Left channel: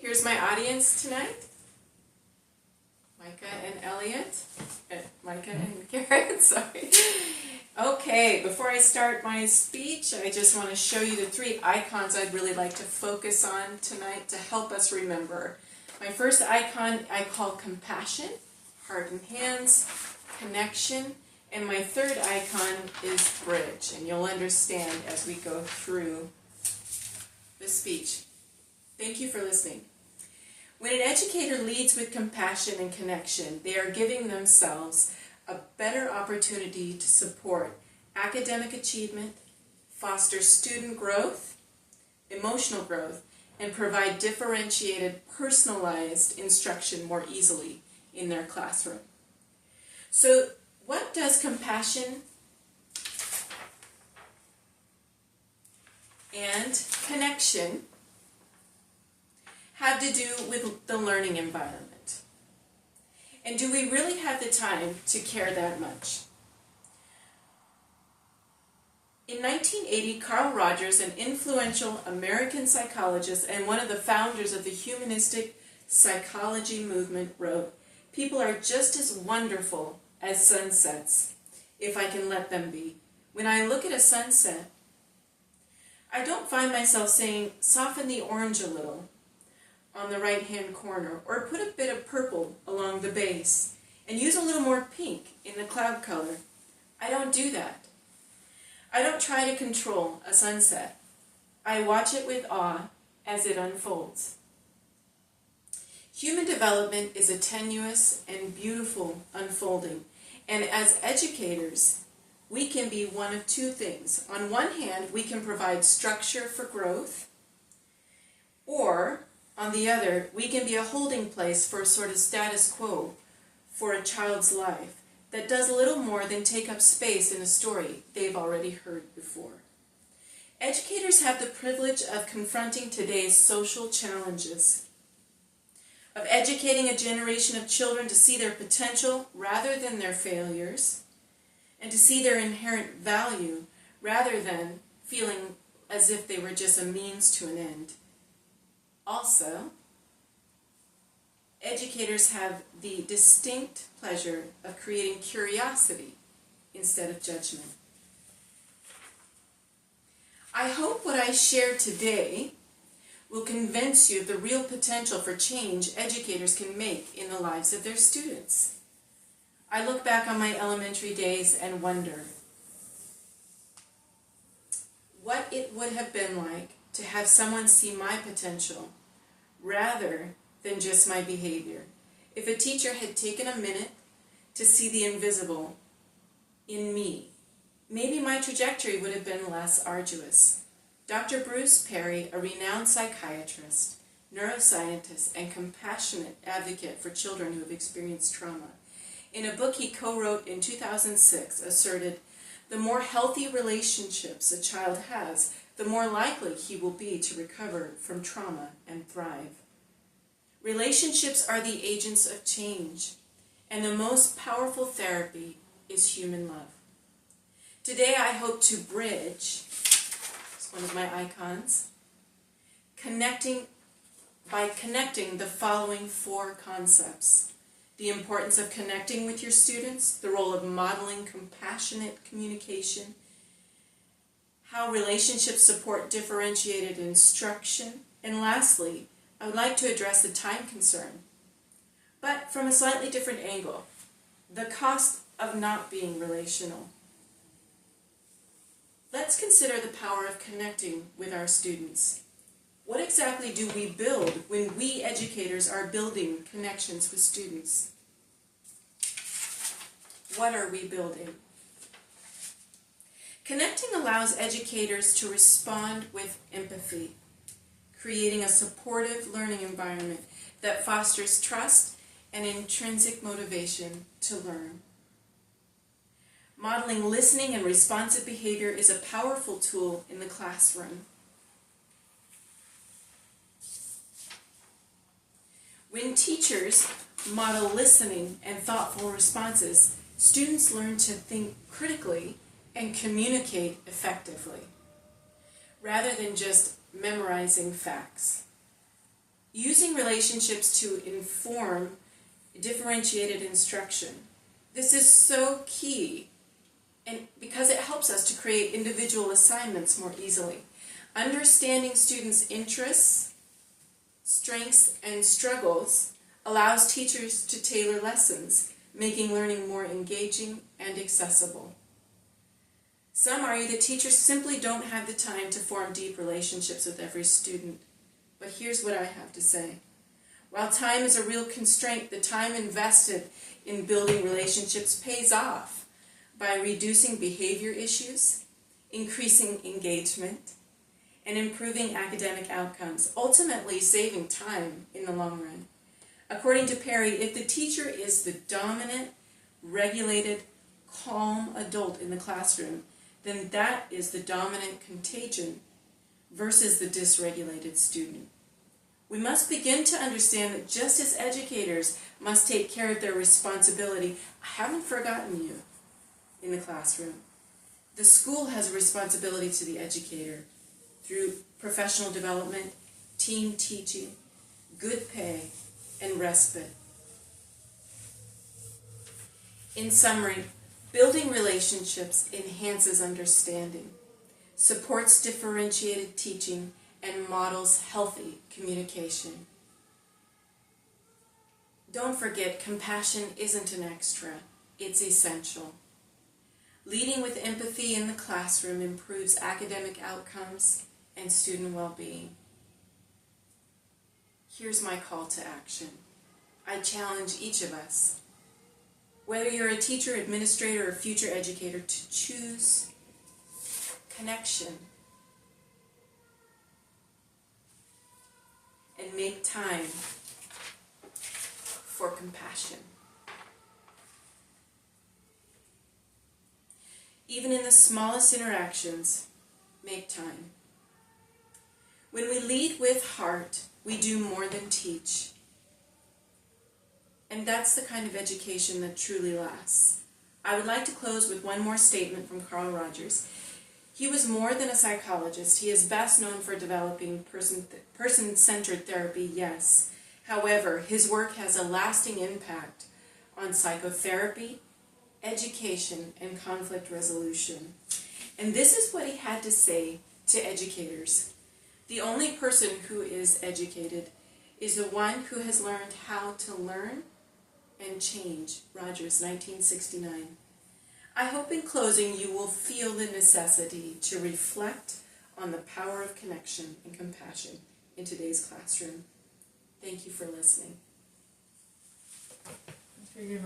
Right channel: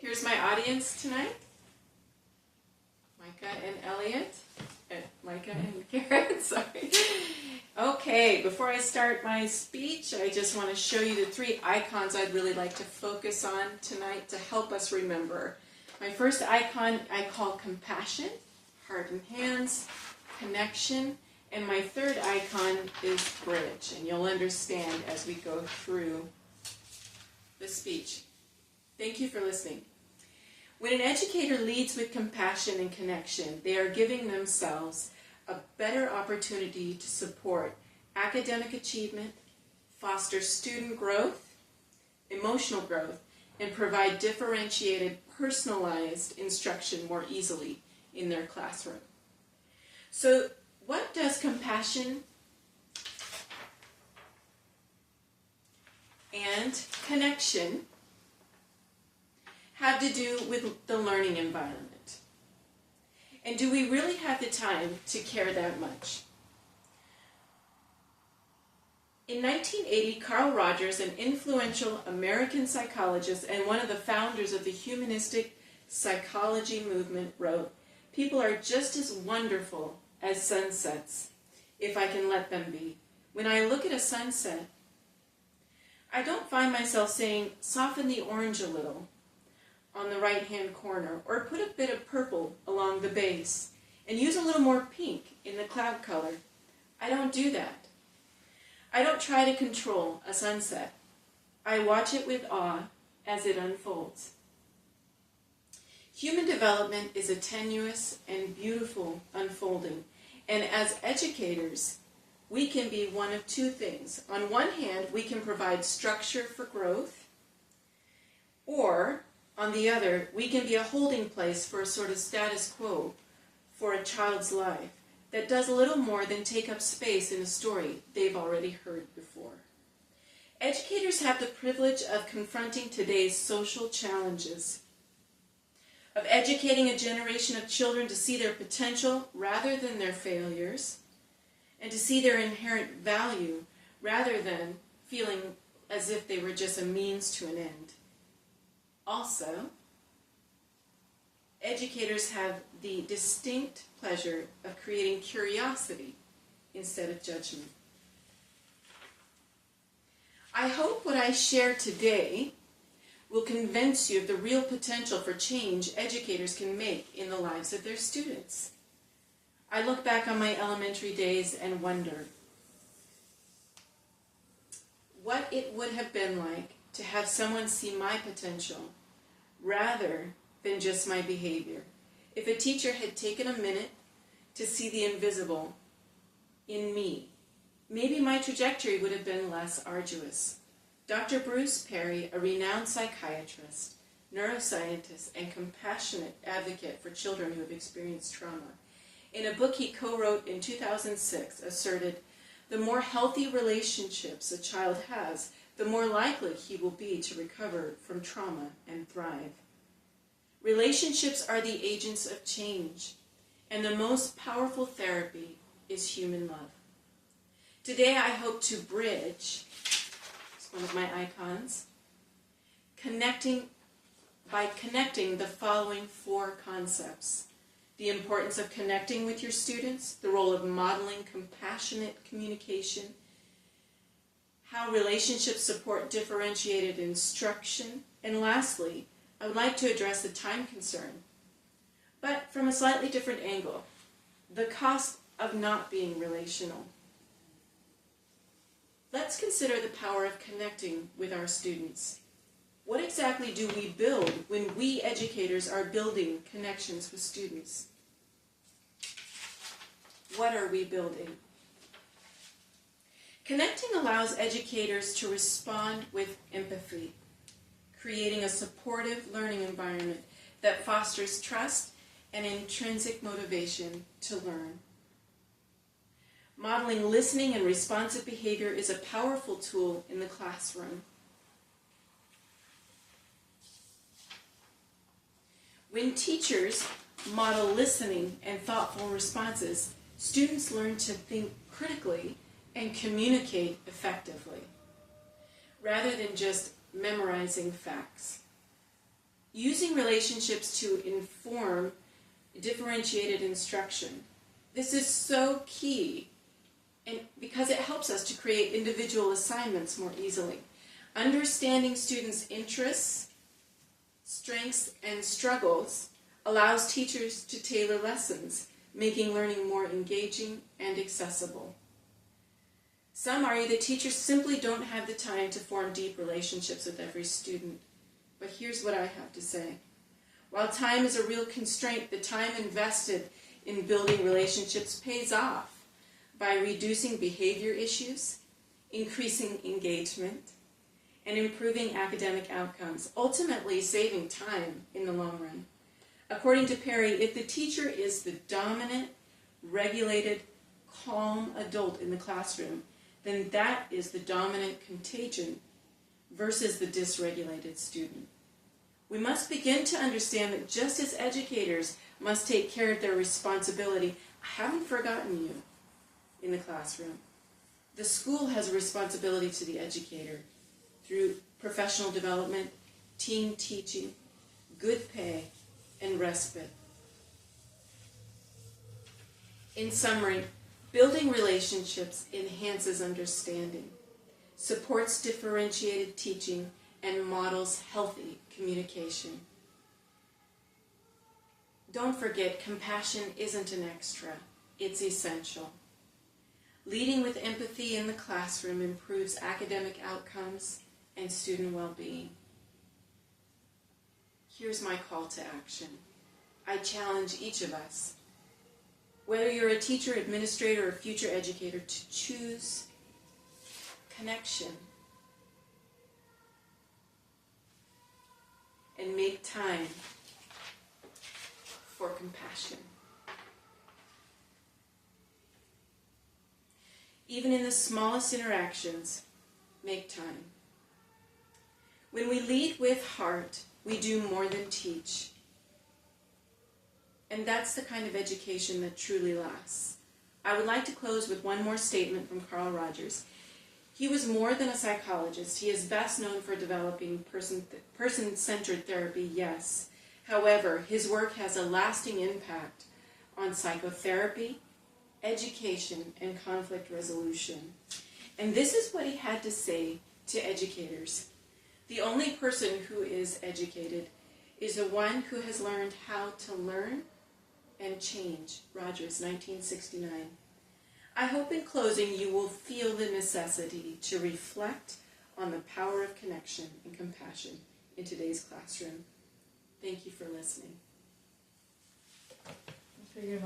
Here's my audience tonight. Micah and Elliot. Micah and Karen, sorry. Okay, before I start my speech, I just want to show you the three icons I'd really like to focus on tonight to help us remember. My first icon I call compassion, heart and hands, connection, and my third icon is bridge, and you'll understand as we go through the speech. Thank you for listening. When an educator leads with compassion and connection, they are giving themselves a better opportunity to support academic achievement, foster student growth, emotional growth, and provide differentiated, personalized instruction more easily in their classroom. So, what does compassion and connection have to do with the learning environment? And do we really have the time to care that much? In 1980, Carl Rogers, an influential American psychologist and one of the founders of the humanistic psychology movement, wrote, "People are just as wonderful as sunsets, if I can let them be. When I look at a sunset, I don't find myself saying, soften the orange a little on the right-hand corner, or put a bit of purple along the base, and use a little more pink in the cloud color. I don't do that. I don't try to control a sunset. I watch it with awe as it unfolds." Human development is a tenuous and beautiful unfolding, and as educators, we can be one of two things. On one hand, we can provide structure for growth, or on the other, we can be a holding place for a sort of status quo for a child's life that does a little more than take up space in a story they've already heard before. Educators have the privilege of confronting today's social challenges, of educating a generation of children to see their potential rather than their failures, and to see their inherent value rather than feeling as if they were just a means to an end. Also, educators have the distinct pleasure of creating curiosity instead of judgment. I hope what I share today will convince you of the real potential for change educators can make in the lives of their students. I look back on my elementary days and wonder what it would have been like to have someone see my potential rather than just my behavior. If a teacher had taken a minute to see the invisible in me, maybe my trajectory would have been less arduous. Dr. Bruce Perry, a renowned psychiatrist, neuroscientist, and compassionate advocate for children who have experienced trauma, in a book he co-wrote in 2006, asserted, "The more healthy relationships a child has, the more likely he will be to recover from trauma and thrive." Relationships are the agents of change, and the most powerful therapy is human love. Today I hope to bridge, it's one of my icons, by connecting the following four concepts: the importance of connecting with your students, the role of modeling compassionate communication, how relationships support differentiated instruction, and lastly, I would like to address the time concern, but from a slightly different angle, the cost of not being relational. Let's consider the power of connecting with our students. What exactly do we build when we educators are building connections with students? What are we building? Connecting allows educators to respond with empathy, creating a supportive learning environment that fosters trust and intrinsic motivation to learn. Modeling listening and responsive behavior is a powerful tool in the classroom. When teachers model listening and thoughtful responses, students learn to think critically and communicate effectively, rather than just memorizing facts. using relationships to inform differentiated instruction. This is so key, and because it helps us to create individual assignments more easily. Understanding students' interests, strengths, and struggles allows teachers to tailor lessons, making learning more engaging and accessible. Some argue that teachers simply don't have the time to form deep relationships with every student. But here's what I have to say. While time is a real constraint, the time invested in building relationships pays off by reducing behavior issues, increasing engagement, and improving academic outcomes, ultimately saving time in the long run. According to Perry, if the teacher is the dominant, regulated, calm adult in the classroom, then that is the dominant contagion versus the dysregulated student. We must begin to understand that just as educators must take care of their responsibility, I haven't forgotten you in the classroom. The school has a responsibility to the educator through professional development, team teaching, good pay, and respite. In summary, building relationships enhances understanding, supports differentiated teaching, and models healthy communication. Don't forget, compassion isn't an extra, it's essential. Leading with empathy in the classroom improves academic outcomes and student well-being. Here's my call to action. I challenge each of us, whether you're a teacher, administrator, or future educator, to choose connection and make time for compassion. Even in the smallest interactions, make time. When we lead with heart, we do more than teach. And that's the kind of education that truly lasts. I would like to close with one more statement from Carl Rogers. He was more than a psychologist. He is best known for developing person-centered therapy, yes. However, his work has a lasting impact on psychotherapy, education, and conflict resolution. And this is what he had to say to educators. The only person who is educated is the one who has learned how to learn and change. Rogers, 1969. I hope in closing you will feel the necessity to reflect on the power of connection and compassion in today's classroom. Thank you for listening. Okay,